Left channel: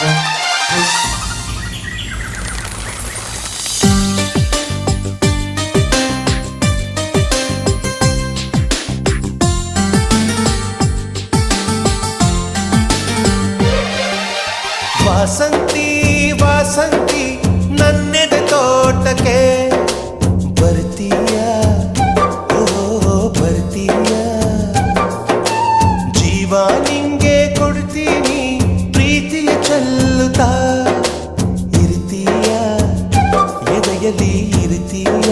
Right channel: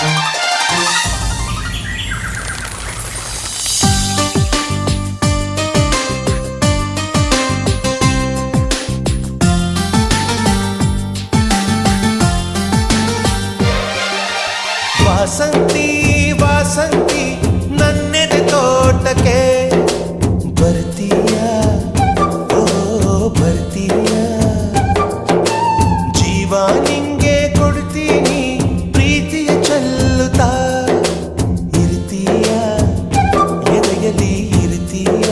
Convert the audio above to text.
ವಾಸಂತಿ ವಾಸಂತಿ ನನ್ನೆದ ತೋಟಕ್ಕೆ ಬರ್ತೀಯ? ಓ ಬರ್ತೀಯ? ಜೀವ ನಿಂಗೆ ಕೊಡ್ತೀನಿ. ಕಲುತಾ ಇರ್ತೀಯ ಎದೆಯಲ್ಲಿ ಇರ್ತೀಯ